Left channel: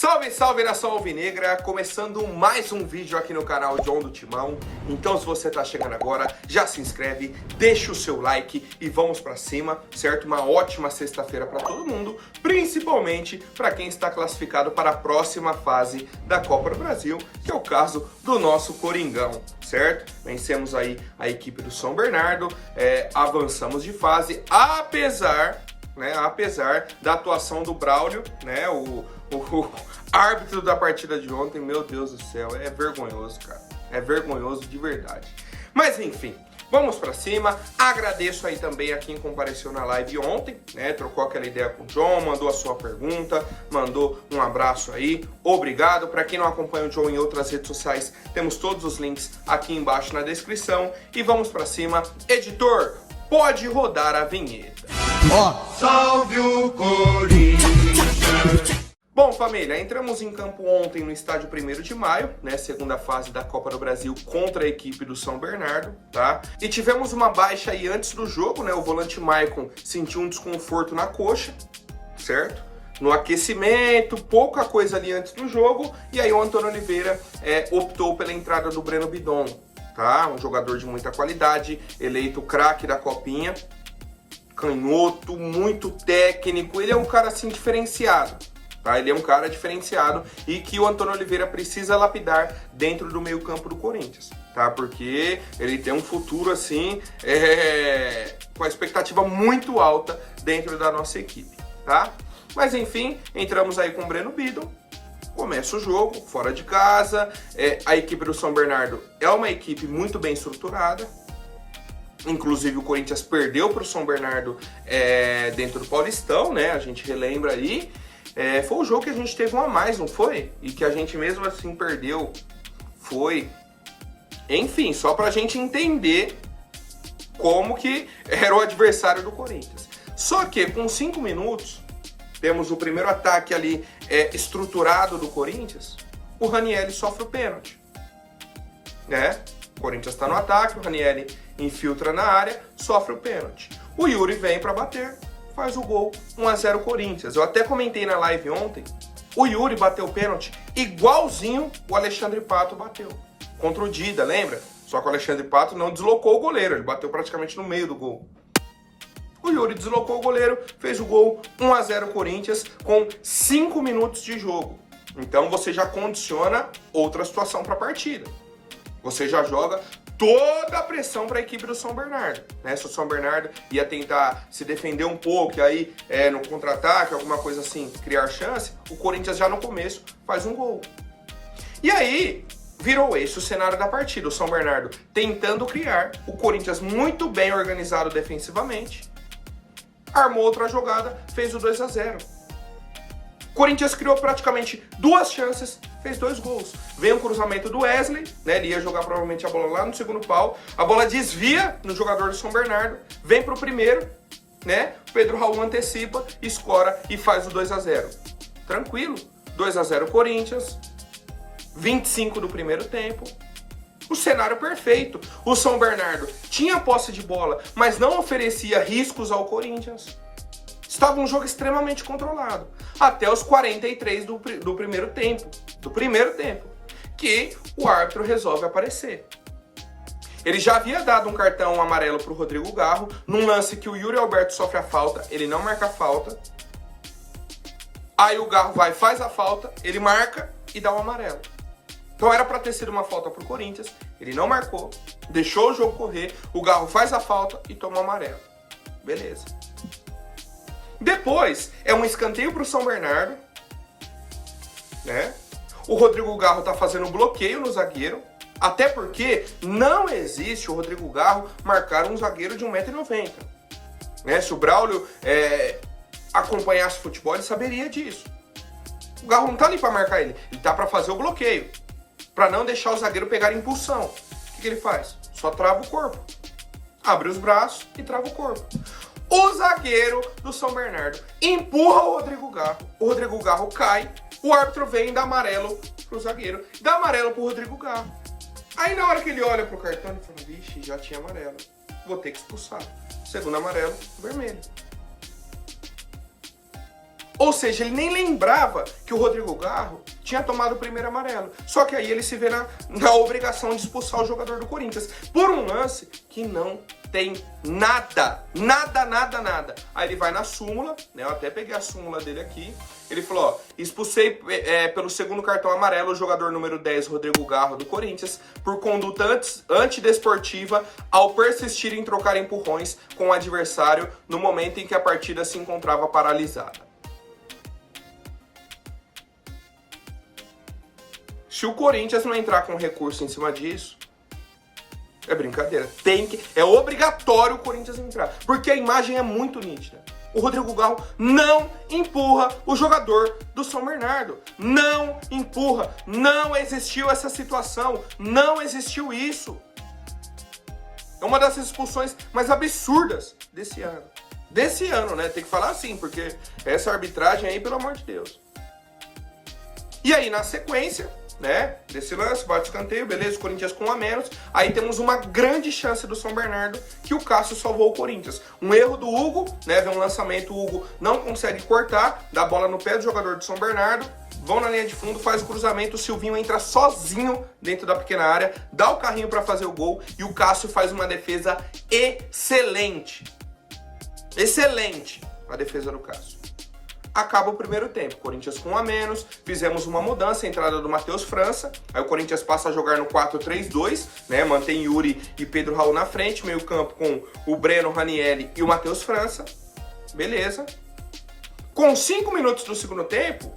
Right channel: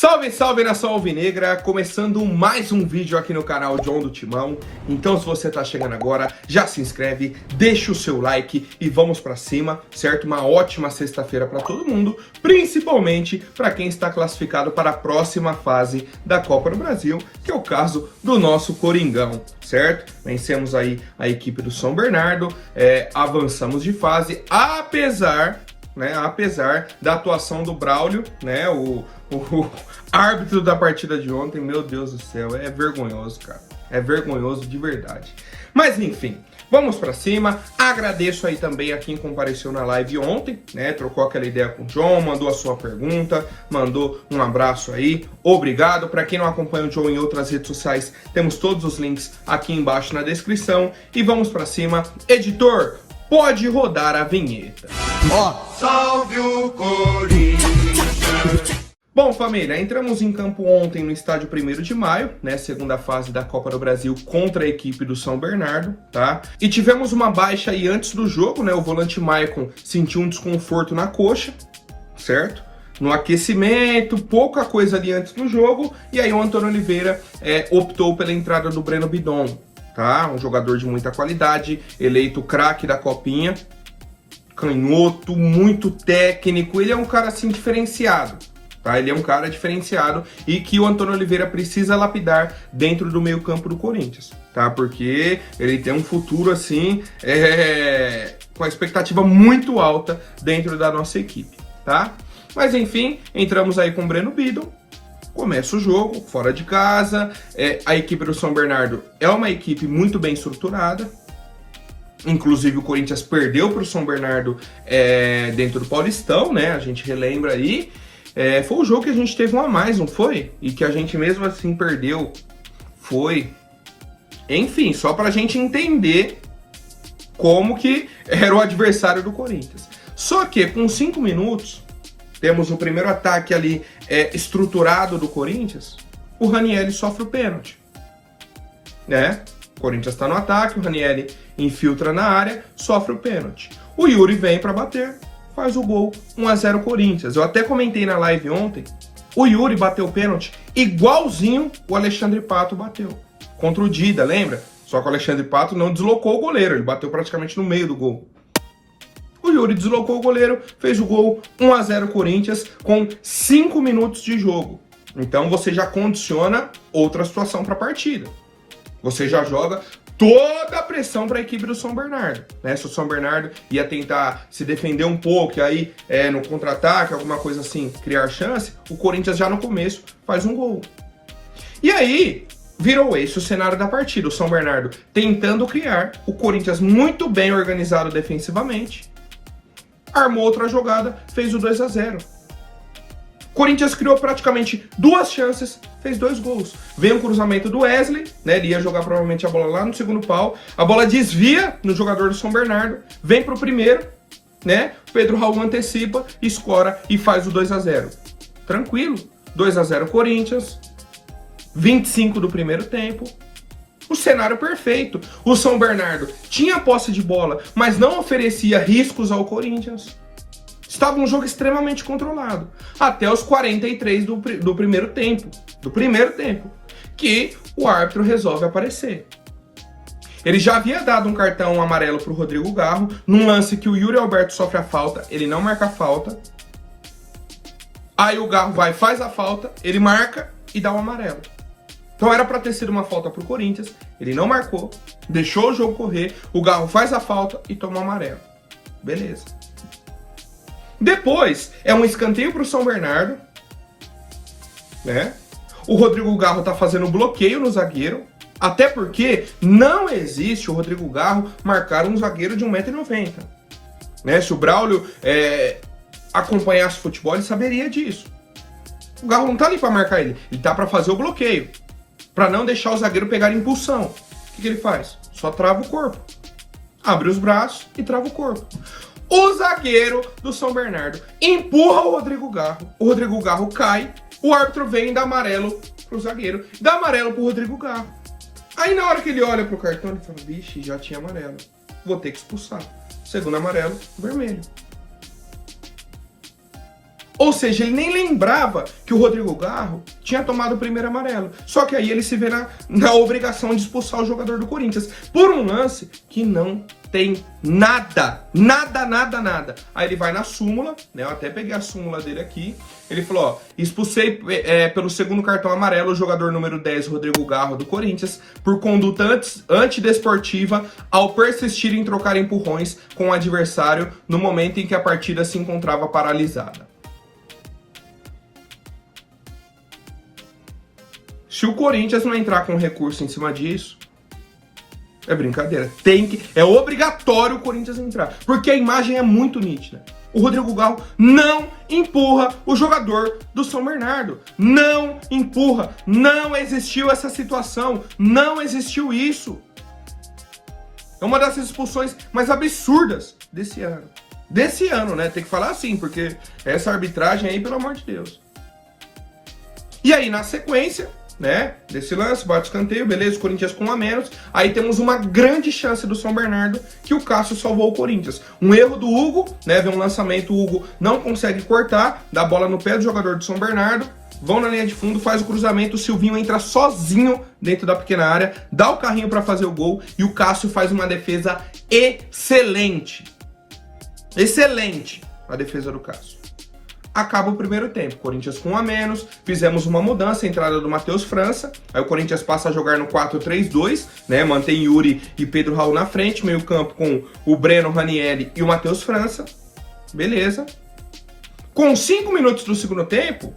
Salve, salve nação alvinegra, começando mais um vídeo aqui no canal John do Timão. Então se você tá chegando agora, já se inscreve, deixa o seu like e vamos pra cima, certo? Uma ótima sexta-feira pra todo mundo, principalmente pra quem está classificado para a próxima fase da Copa do Brasil, que é o caso do nosso Coringão, certo? Vencemos aí a equipe do São Bernardo, avançamos de fase, apesar da atuação do Braulio, né, o árbitro da partida de ontem. Meu Deus do céu, é vergonhoso, cara. É vergonhoso de verdade. Mas enfim, vamos pra cima. Agradeço aí também a quem compareceu na live ontem, né? Trocou aquela ideia com o John, mandou a sua pergunta, mandou um abraço aí. Obrigado. Pra quem não acompanha o John em outras redes sociais, temos todos os links aqui embaixo na descrição. E vamos pra cima. Editor, pode rodar a vinheta. Salve o Corinthians! Bom, família, entramos em campo ontem no estádio 1º de maio, né, segunda fase da Copa do Brasil contra a equipe do São Bernardo, tá? E tivemos uma baixa aí antes do jogo, né, o volante Maicon sentiu um desconforto na coxa, certo? No aquecimento, pouca coisa ali antes do jogo, e aí o Antônio Oliveira optou pela entrada do Breno Bidon, tá? Um jogador de muita qualidade, eleito craque da Copinha, canhoto, muito técnico, ele é um cara assim diferenciado. Tá? Ele é um cara diferenciado e que o Antônio Oliveira precisa lapidar dentro do meio campo do Corinthians, tá? Porque ele tem um futuro assim, com a expectativa muito alta dentro da nossa equipe, tá? Mas enfim, entramos aí com o Breno Bidon, começa o jogo, fora de casa, a equipe do São Bernardo é uma equipe muito bem estruturada. Inclusive o Corinthians perdeu para o São Bernardo dentro do Paulistão, né? A gente relembra aí. Foi o jogo que a gente teve um a mais, não foi? E que a gente mesmo assim perdeu. Foi. Enfim, só pra gente entender como que era o adversário do Corinthians. Só que com 5 minutos, temos o primeiro ataque ali estruturado do Corinthians, o Ranieri sofre o pênalti. Né? O Corinthians tá no ataque, o Ranieri infiltra na área, sofre o pênalti. O Yuri vem pra bater, faz o gol, 1-0 Corinthians. Eu até comentei na live ontem, o Yuri bateu o pênalti igualzinho o Alexandre Pato bateu. Contra o Dida, lembra? Só que o Alexandre Pato não deslocou o goleiro, ele bateu praticamente no meio do gol. O Yuri deslocou o goleiro, fez o gol, 1-0 Corinthians, com 5 minutos de jogo. Então você já condiciona outra situação para a partida. Você já joga toda a pressão para a equipe do São Bernardo, né? Se o São Bernardo ia tentar se defender um pouco e aí no contra-ataque, alguma coisa assim, criar chance, o Corinthians já no começo faz um gol. E aí virou esse o cenário da partida, o São Bernardo tentando criar, o Corinthians muito bem organizado defensivamente, armou outra jogada, fez o 2-0. Corinthians criou praticamente 2 chances, fez 2 gols. Vem um cruzamento do Wesley, né? Ele ia jogar provavelmente a bola lá no segundo pau. A bola desvia no jogador do São Bernardo, vem pro primeiro, né? Pedro Raul antecipa, escora e faz o 2-0. Tranquilo. 2-0 Corinthians. 25 do primeiro tempo. O cenário perfeito. O São Bernardo tinha posse de bola, mas não oferecia riscos ao Corinthians. Estava um jogo extremamente controlado. Até os 43 do primeiro tempo. Que o árbitro resolve aparecer. Ele já havia dado um cartão amarelo para o Rodrigo Garro. Num lance que o Yuri Alberto sofre a falta. Ele não marca a falta. Aí o Garro vai, faz a falta. Ele marca e dá o amarelo. Então era para ter sido uma falta para o Corinthians. Ele não marcou. Deixou o jogo correr. O Garro faz a falta e toma o amarelo. Beleza. Depois, um escanteio para o São Bernardo, né? O Rodrigo Garro tá fazendo bloqueio no zagueiro, até porque não existe o Rodrigo Garro marcar um zagueiro de 1,90 m. Né? Se o Braulio acompanhasse o futebol, ele saberia disso. O Garro não tá ali para marcar ele tá para fazer o bloqueio, para não deixar o zagueiro pegar impulsão. O que ele faz? Só trava o corpo, abre os braços e trava o corpo. O zagueiro do São Bernardo empurra o Rodrigo Garro cai, o árbitro vem e dá amarelo pro zagueiro, dá amarelo pro Rodrigo Garro. Aí na hora que ele olha pro cartão, ele fala, vixe, já tinha amarelo, vou ter que expulsar. Segundo amarelo, vermelho. Ou seja, ele nem lembrava que o Rodrigo Garro tinha tomado o primeiro amarelo. Só que aí ele se vê na obrigação de expulsar o jogador do Corinthians por um lance que não tem nada. Aí ele vai na súmula, né? Eu até peguei a súmula dele aqui. Ele falou, ó, expulsei pelo segundo cartão amarelo o jogador número 10, Rodrigo Garro, do Corinthians, por conduta antidesportiva ao persistir em trocar empurrões com o adversário no momento em que a partida se encontrava paralisada. Se o Corinthians não entrar com recurso em cima disso, é brincadeira. É obrigatório o Corinthians entrar, porque a imagem é muito nítida. O Rodrigo Garro não empurra o jogador do São Bernardo. Não empurra. Não existiu essa situação. Não existiu isso. É uma das expulsões mais absurdas desse ano. Desse ano, né? Tem que falar assim, porque essa arbitragem aí, pelo amor de Deus. E aí, na sequência, né, desse lance, bate escanteio, beleza, o Corinthians com um a menos. Aí temos uma grande chance do São Bernardo, que o Cássio salvou o Corinthians. Um erro do Hugo, né, vem um lançamento, o Hugo não consegue cortar, dá a bola no pé do jogador do São Bernardo, vão na linha de fundo, faz o cruzamento, o Silvinho entra sozinho dentro da pequena área, dá o carrinho para fazer o gol, e o Cássio faz uma defesa excelente. Excelente a defesa do Cássio. Acaba o primeiro tempo, Corinthians com um a menos, fizemos uma mudança, a entrada do Matheus França, aí o Corinthians passa a jogar no 4-3-2, né, mantém Yuri e Pedro Raul na frente, meio campo com o Breno, Ranieri e o Matheus França, beleza. Com 5 minutos do segundo tempo,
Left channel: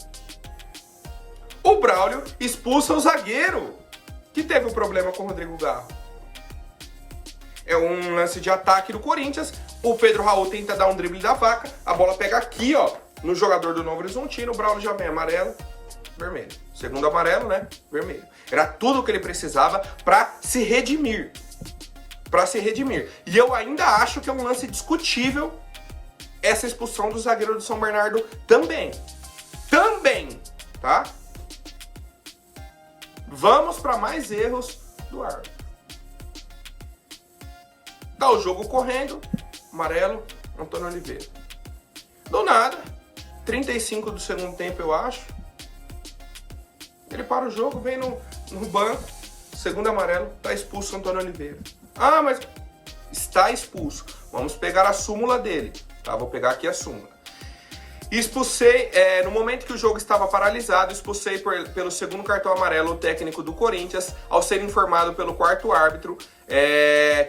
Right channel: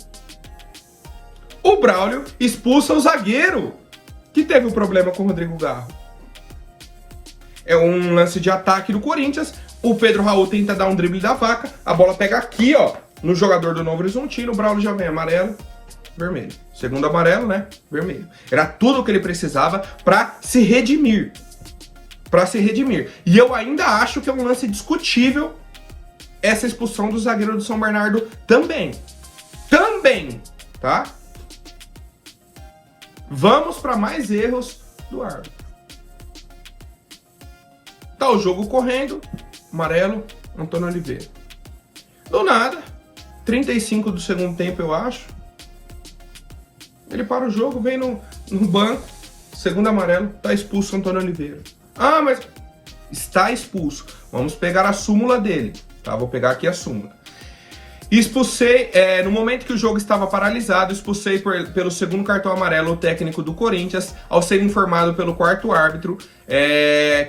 o Braulio expulsa o zagueiro, que teve um problema com o Rodrigo Garro. É um lance de ataque do Corinthians, o Pedro Raul tenta dar um drible da vaca, a bola pega aqui, ó, no jogador do Novo Horizontino, o Braulio já vem amarelo, vermelho. Segundo amarelo, né? Vermelho. Era tudo o que ele precisava para se redimir. E eu ainda acho que é um lance discutível essa expulsão do zagueiro do São Bernardo também. Tá? Vamos para mais erros do árbitro. Tá o jogo correndo, amarelo, Antônio Oliveira. Do nada, 35 do segundo tempo, eu acho. Ele para o jogo, vem no banco, segundo amarelo, tá expulso o Antônio Oliveira. Ah, mas está expulso. Vamos pegar a súmula dele, tá? Vou pegar aqui a súmula. Expulsei, no momento que o jogo estava paralisado, expulsei pelo segundo cartão amarelo o técnico do Corinthians, ao ser informado pelo quarto árbitro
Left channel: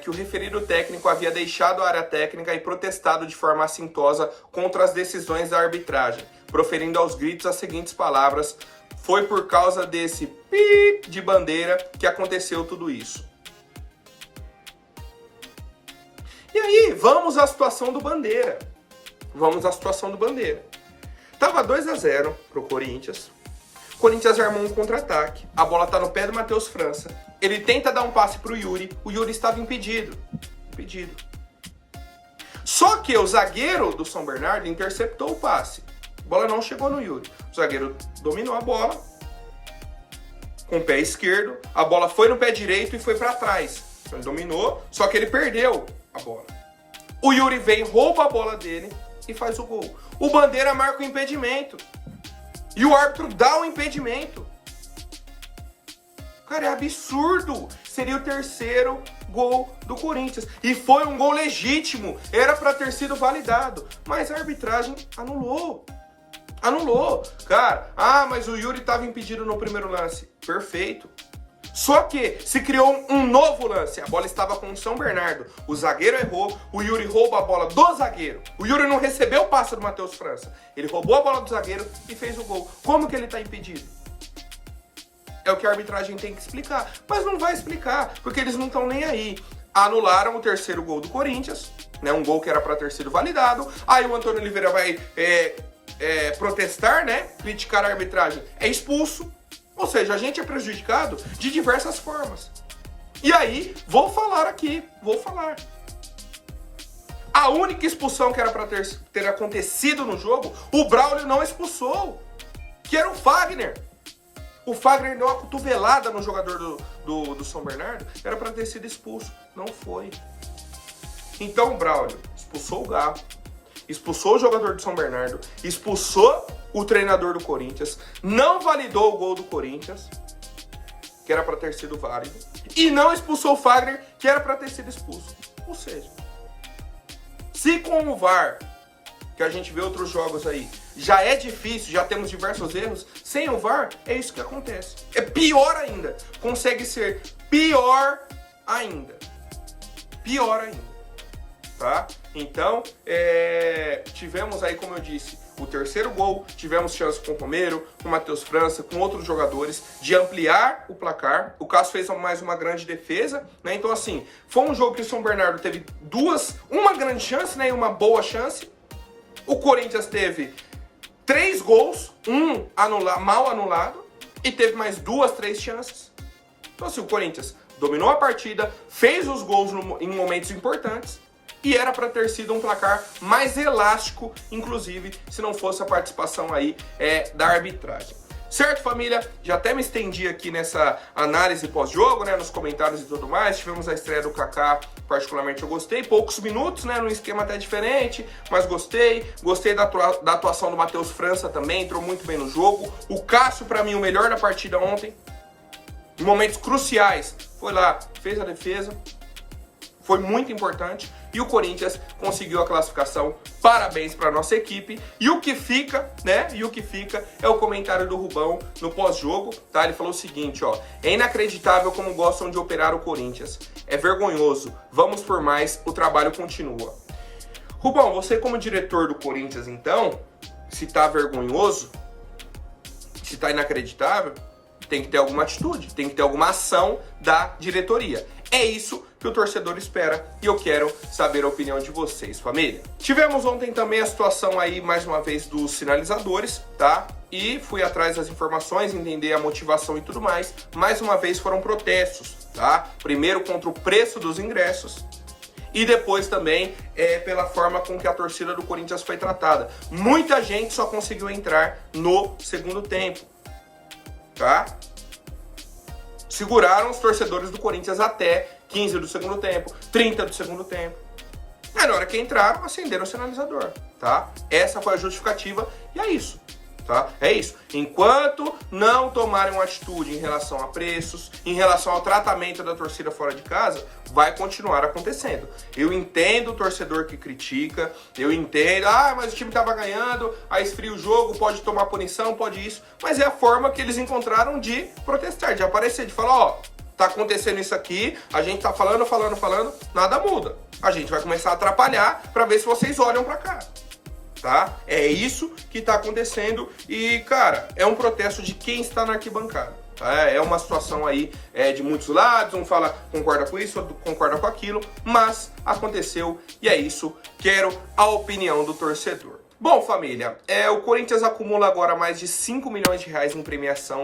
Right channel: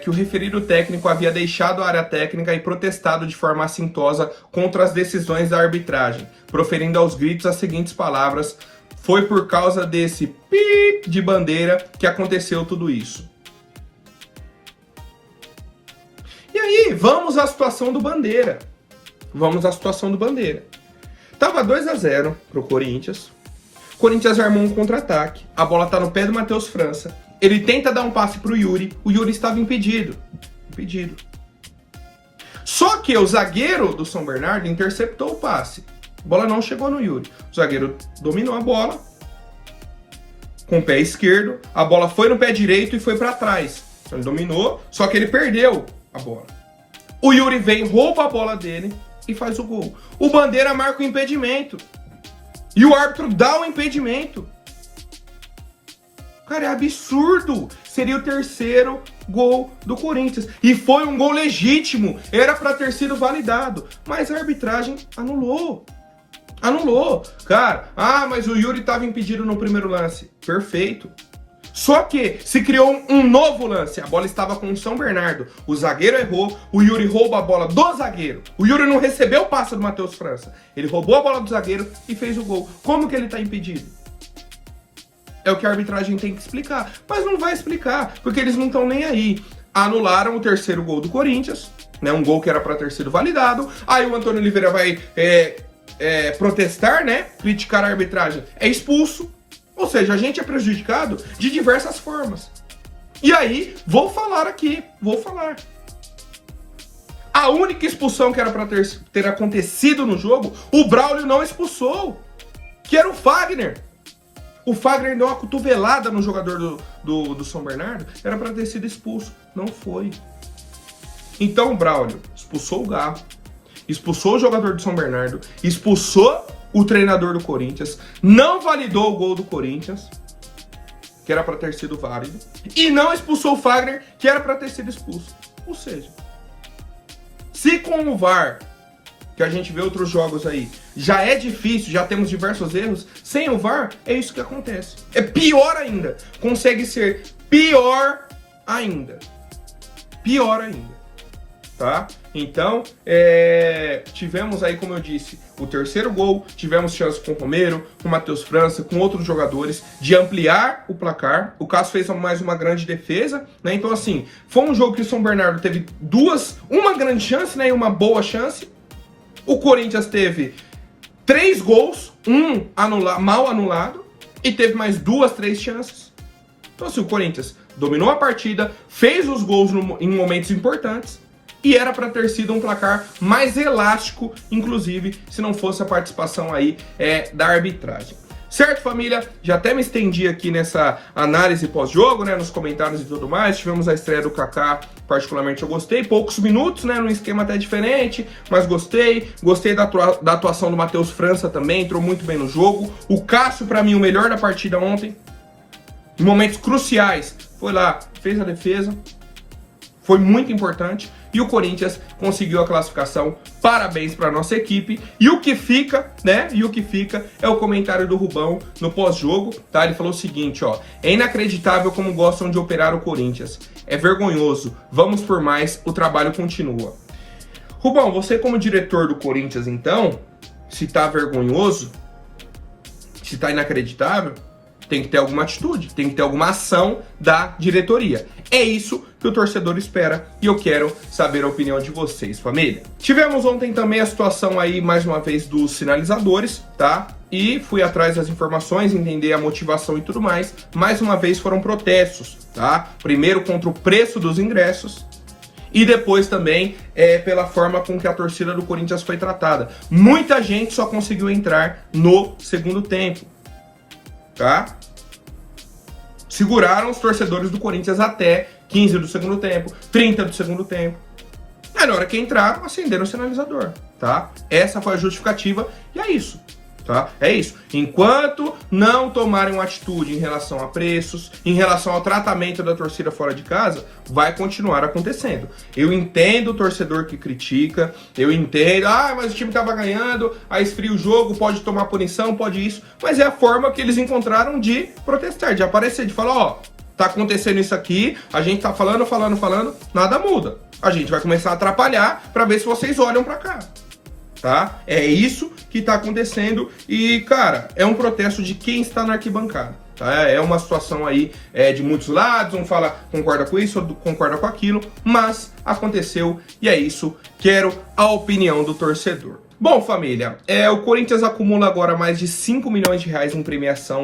que o referido técnico havia deixado a área técnica e protestado de forma assintosa contra as decisões da arbitragem, proferindo aos gritos as seguintes palavras: foi por causa desse pip de bandeira que aconteceu tudo isso. E aí, vamos à situação do Bandeira. Tava 2-0 pro Corinthians. O Corinthians armou um contra-ataque. A bola tá no pé do Matheus França. Ele tenta dar um passe pro Yuri. O Yuri estava impedido. Só que o zagueiro do São Bernardo interceptou o passe. A bola não chegou no Yuri. O zagueiro dominou a bola com o pé esquerdo. A bola foi no pé direito e foi para trás. Então ele dominou, só que ele perdeu a bola. O Yuri vem, rouba a bola dele e faz o gol. O Bandeira marca o impedimento. E o árbitro dá o impedimento. Cara, é absurdo. Seria o terceiro gol do Corinthians. E foi um gol legítimo. Era para ter sido validado. Mas a arbitragem anulou. Cara, mas o Yuri estava impedido no primeiro lance. Perfeito. Só que se criou um novo lance. A bola estava com o São Bernardo. O zagueiro errou. O Yuri rouba a bola do zagueiro. O Yuri não recebeu o passe do Matheus França. Ele roubou a bola do zagueiro e fez o gol. Como que ele está impedido? É o que a arbitragem tem que explicar. Mas não vai explicar, porque eles não estão nem aí. Anularam o terceiro gol do Corinthians, né? Um gol que era para ter sido validado. Aí o Antônio Oliveira vai protestar, né? Criticar a arbitragem. É expulso. Ou seja, a gente é prejudicado de diversas formas. E aí, vou falar. A única expulsão que era para ter acontecido no jogo, o Braulio não expulsou, que era o Fagner. O Fagner deu uma cotovelada no jogador do São Bernardo, era para ter sido expulso. Não foi. Então o Braulio expulsou o Garro expulsou o jogador do São Bernardo, expulsou o treinador do Corinthians, não validou o gol do Corinthians, que era para ter sido válido, e não expulsou o Fagner, que era para ter sido expulso. Ou seja, se com o VAR, que a gente vê outros jogos aí, já é difícil, já temos diversos erros, sem o VAR, é isso que acontece. É pior ainda. Consegue ser pior ainda. Pior ainda. Tá? Então, tivemos aí, como eu disse, o terceiro gol, tivemos chance com o Romero, com o Matheus França, com outros jogadores, de ampliar o placar. O Cássio fez mais uma grande defesa, né? Então, assim, foi um jogo que o São Bernardo teve uma grande chance, né? E uma boa chance. O Corinthians teve 3 gols, um mal anulado, e teve mais 2, 3 chances. Então, assim, o Corinthians dominou a partida, fez os gols em momentos importantes, e era para ter sido um placar mais elástico, inclusive, se não fosse a participação aí da arbitragem. Certo, família? Já até me estendi aqui nessa análise pós-jogo, né, nos comentários e tudo mais. Tivemos a estreia do Kaká, particularmente eu gostei. Poucos minutos, né, num esquema até diferente, mas gostei. Gostei da atuação do Matheus França também, entrou muito bem no jogo. O Cássio, para mim, o melhor da partida ontem. Em momentos cruciais, foi lá, fez a defesa. Foi muito importante. E o Corinthians conseguiu a classificação. Parabéns para nossa equipe. E o que fica, né? E o que fica é o comentário do Rubão no pós-jogo, tá? Ele falou o seguinte, ó: é inacreditável como gostam de operar o Corinthians. É vergonhoso. Vamos por mais. O trabalho continua. Rubão, você como diretor do Corinthians, então, se tá vergonhoso, se tá inacreditável, tem que ter alguma atitude, tem que ter alguma ação da diretoria. É isso que o torcedor espera e eu quero saber a opinião de vocês, família. Tivemos ontem também a situação aí, mais uma vez, dos sinalizadores, tá? E fui atrás das informações, entender a motivação e tudo mais. Mais uma vez foram protestos, tá? Primeiro contra o preço dos ingressos e depois também pela forma com que a torcida do Corinthians foi tratada. Muita gente só conseguiu entrar no segundo tempo, tá? Seguraram os torcedores do Corinthians até 15 do segundo tempo, 30 do segundo tempo. Aí na hora que entraram, acenderam o sinalizador, tá? Essa foi a justificativa e é isso, tá? É isso. Enquanto não tomarem uma atitude em relação a preços, em relação ao tratamento da torcida fora de casa, vai continuar acontecendo. Eu entendo o torcedor que critica, eu entendo, mas o time tava ganhando, aí esfria o jogo, pode tomar punição, pode isso, mas é a forma que eles encontraram de protestar, de aparecer, de falar, ó, tá acontecendo isso aqui, a gente tá falando, nada muda. A gente vai começar a atrapalhar pra ver se vocês olham pra cá, tá? É isso que tá acontecendo e, cara, é um protesto de quem está na arquibancada, tá? É uma situação aí de muitos lados, um fala concorda com isso, outro concorda com aquilo, mas aconteceu e é isso. Quero a opinião do torcedor. Bom, família, o Corinthians acumula agora mais de 5 milhões de reais em premiação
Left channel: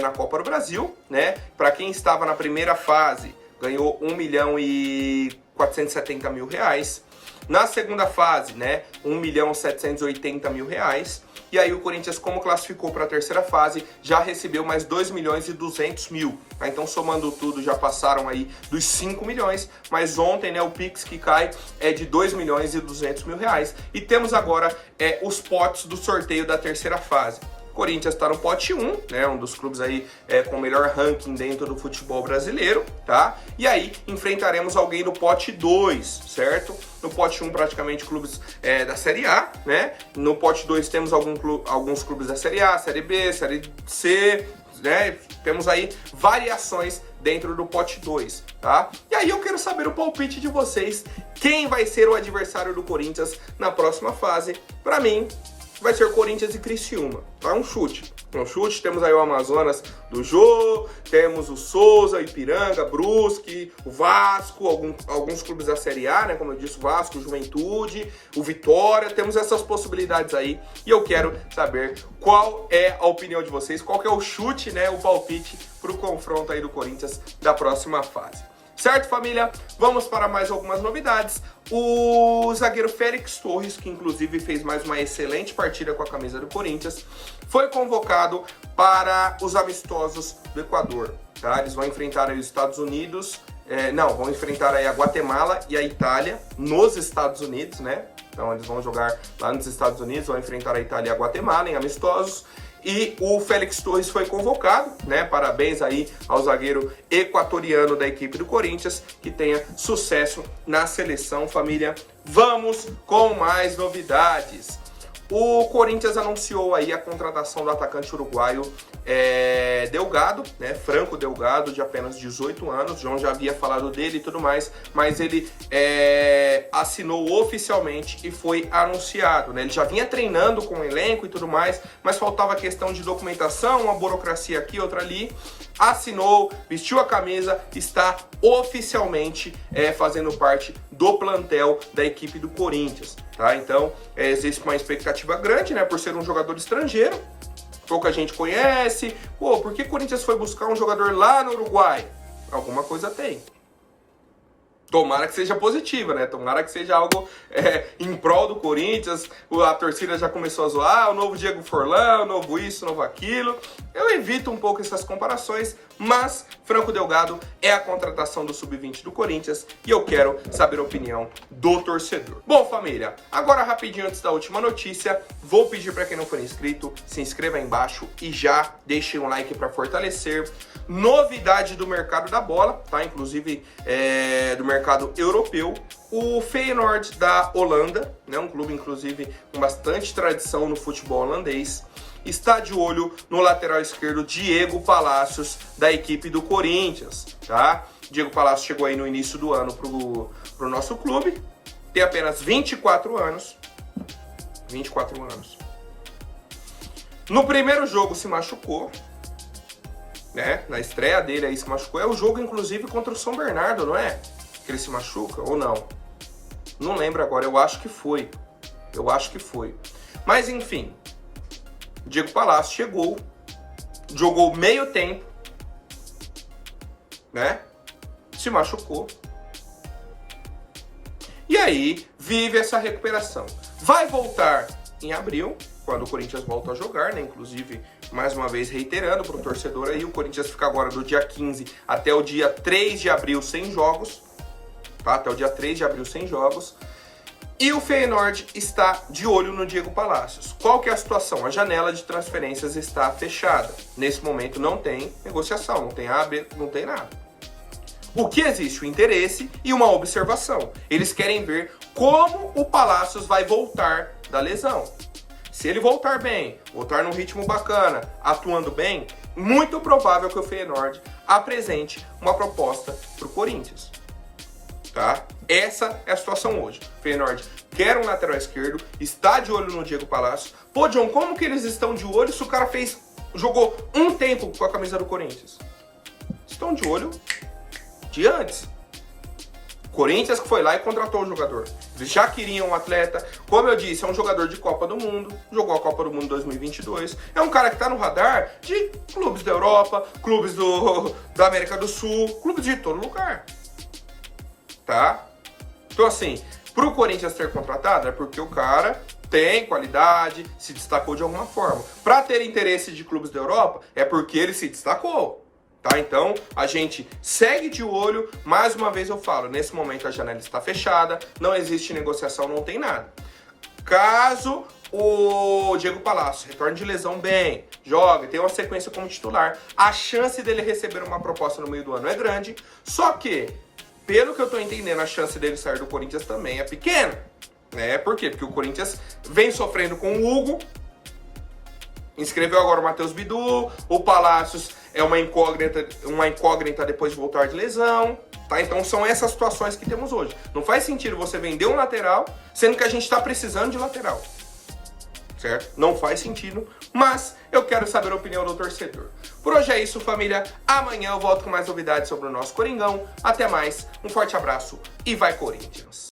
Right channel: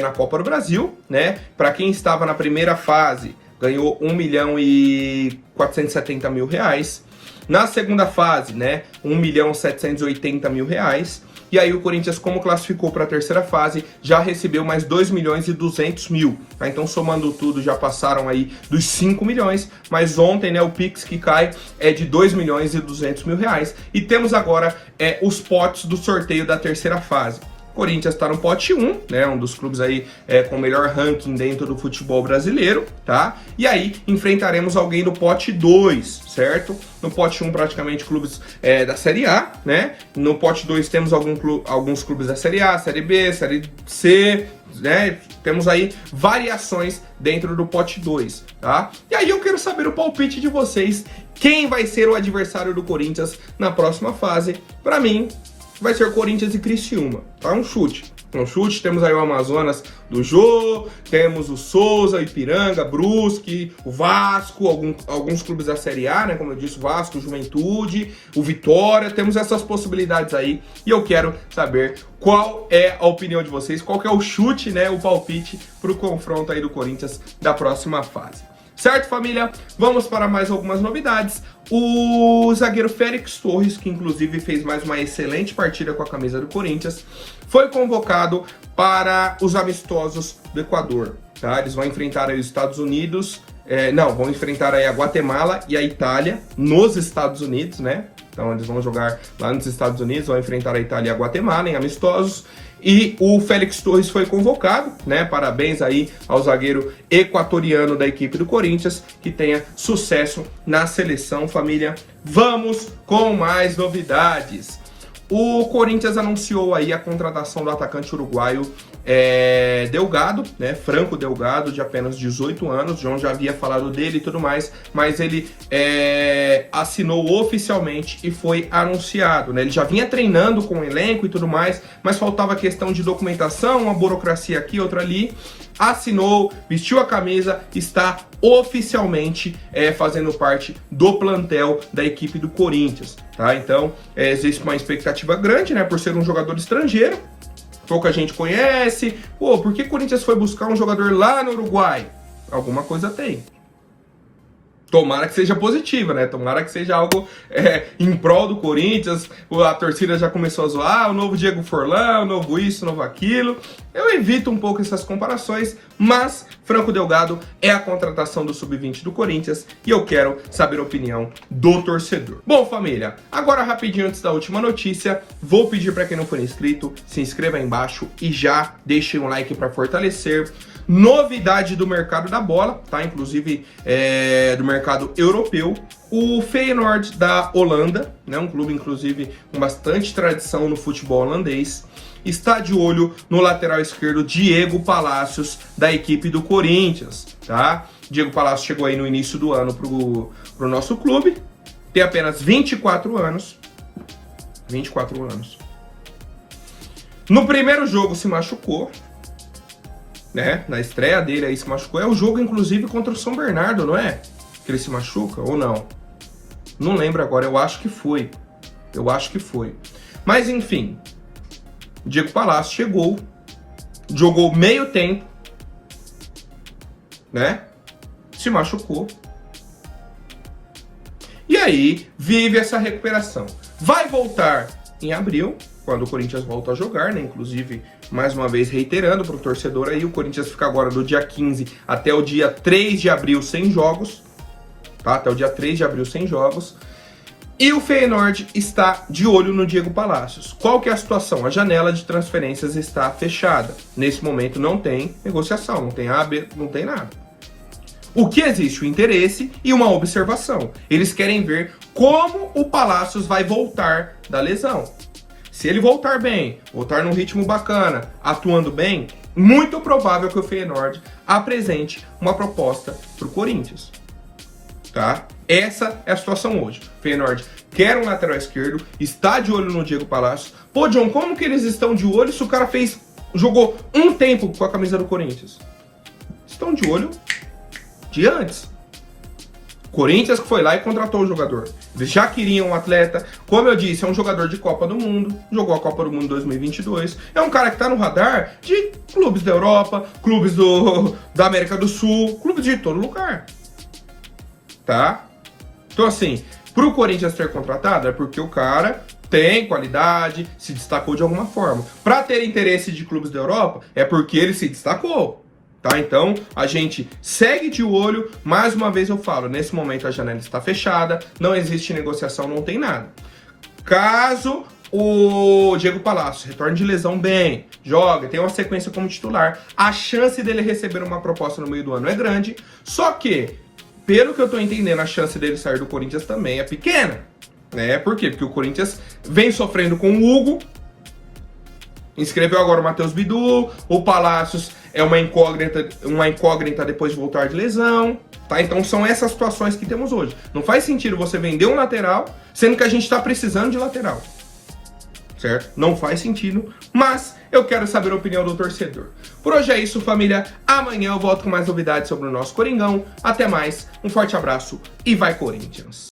na Copa do Brasil, né? Para quem estava na primeira fase, ganhou 1 milhão e 470 mil reais. Na segunda fase, né, 1 milhão 780 mil reais. E aí o Corinthians, como classificou para a terceira fase, já recebeu mais 2 milhões e 200 mil. Tá? Então, somando tudo, já passaram aí dos 5 milhões. Mas ontem, né, o Pix que cai é de 2 milhões e 200 mil reais. E temos agora os potes do sorteio da terceira fase. Corinthians está no pote 1, né, um dos clubes aí com o melhor ranking dentro do futebol brasileiro, tá? E aí enfrentaremos alguém do pote 2, certo? No pote 1 praticamente clubes da Série A, né? No pote 2 temos alguns clubes da Série A, Série B, Série C, né? Temos aí variações dentro do pote 2, tá? E aí eu quero saber o palpite de vocês, quem vai ser o adversário do Corinthians na próxima fase. Para mim, vai ser Corinthians e Criciúma, tá? Um chute. Temos aí o Amazonas do Jô, temos o Souza, Ipiranga, Brusque, o Vasco, alguns clubes da Série A, né? Como eu disse, o Vasco, o Juventude, o Vitória, temos essas possibilidades aí. E eu quero saber qual é a opinião de vocês, qual que é o chute, né? O palpite pro confronto aí do Corinthians da próxima fase. Certo, família? Vamos para mais algumas novidades. O zagueiro Félix Torres, que inclusive fez mais uma excelente partida com a camisa do Corinthians, foi convocado para os amistosos do Equador. Tá? Eles vão enfrentar aí os Estados Unidos, vão enfrentar aí a Guatemala e a Itália nos Estados Unidos, né? Então eles vão jogar lá nos Estados Unidos, vão enfrentar a Itália e a Guatemala em amistosos. E o Félix Torres foi convocado, né? Parabéns aí ao zagueiro equatoriano da equipe do Corinthians, que tenha sucesso na seleção, família. Vamos com mais novidades. O Corinthians anunciou aí a contratação do atacante uruguaio Delgado, né? Franco Delgado, de apenas 18 anos. O João já havia falado dele e tudo mais, mas ele assinou oficialmente e foi anunciado, né? Ele já vinha treinando com o elenco e tudo mais, mas faltava questão de documentação, uma burocracia aqui, outra ali. Assinou, vestiu a camisa, está oficialmente fazendo parte do plantel da equipe do Corinthians, tá? Então, existe uma expectativa grande, né, por ser um jogador estrangeiro, pouca gente conhece. Pô, por que o Corinthians foi buscar um jogador lá no Uruguai? Alguma coisa tem. Tomara que seja positiva, né? Tomara que seja algo em prol do Corinthians. A torcida já começou a zoar, o novo Diego Forlan, o novo isso, o novo aquilo. Eu evito um pouco essas comparações, mas Franco Delgado é a contratação do Sub-20 do Corinthians e eu quero saber a opinião do torcedor. Bom, família, agora rapidinho antes da última notícia, vou pedir para quem não for inscrito, se inscreva aí embaixo e já deixe um like para fortalecer. Novidade do mercado da bola, tá? Inclusive do mercado europeu. O Feyenoord da Holanda, né? Um clube inclusive com bastante tradição no futebol holandês, está de olho no lateral esquerdo Diego Palacios da equipe do Corinthians, tá? Diego Palacios chegou aí no início do ano pro nosso clube, tem apenas 24 anos. 24 anos. No primeiro jogo se machucou, né? Na estreia dele aí se machucou. É o jogo, inclusive, contra o São Bernardo, não é? Que ele se machuca ou não? Não lembro agora, eu acho que foi. Mas, enfim, Diego Palacios chegou, jogou meio tempo, né? Se machucou. E aí, vive essa recuperação. Vai voltar em abril, quando o Corinthians volta a jogar, né? Inclusive, mais uma vez reiterando para o torcedor aí, o Corinthians fica agora do dia 15 até o dia 3 de abril sem jogos, tá? Até o dia 3 de abril sem jogos. E o Feyenoord está de olho no Diego Palacios. Qual que é a situação? A janela de transferências está fechada. Nesse momento não tem negociação, não tem AB, não tem nada. O que existe? O interesse e uma observação. Eles querem ver como o Palacios vai voltar da lesão. Se ele voltar bem, voltar num ritmo bacana, atuando bem, muito provável que o Feyenoord apresente uma proposta para o Corinthians. Tá? Essa é a situação hoje. O Feyenoord quer um lateral esquerdo, está de olho no Diego Palacios. Pô, John, como que eles estão de olho se o cara jogou um tempo com a camisa do Corinthians? Estão de olho de antes. Corinthians que foi lá e contratou o jogador. Eles já queriam um atleta. Como eu disse, é um jogador de Copa do Mundo. Jogou a Copa do Mundo 2022. É um cara que tá no radar de clubes da Europa, clubes da América do Sul, clubes de todo lugar. Tá? Então assim, pro Corinthians ter contratado é porque o cara tem qualidade, se destacou de alguma forma. Para ter interesse de clubes da Europa é porque ele se destacou. Tá? Então, a gente segue de olho. Mais uma vez eu falo, nesse momento a janela está fechada, não existe negociação, não tem nada. Caso o Diego Palacios retorne de lesão bem, joga, tem uma sequência como titular, a chance dele receber uma proposta no meio do ano é grande, só que, pelo que eu tô entendendo, a chance dele sair do Corinthians também é pequena. Né? Por quê? Porque o Corinthians vem sofrendo com o Hugo, inscreveu agora o Matheus Bidu, o Palacios é uma incógnita depois de voltar de lesão, tá? Então são essas situações que temos hoje. Não faz sentido você vender um lateral, sendo que a gente está precisando de lateral, certo? Não faz sentido, mas eu quero saber a opinião do torcedor. Por hoje é isso, família. Amanhã eu volto com mais novidades sobre o nosso Coringão. Até mais, um forte abraço e vai Corinthians!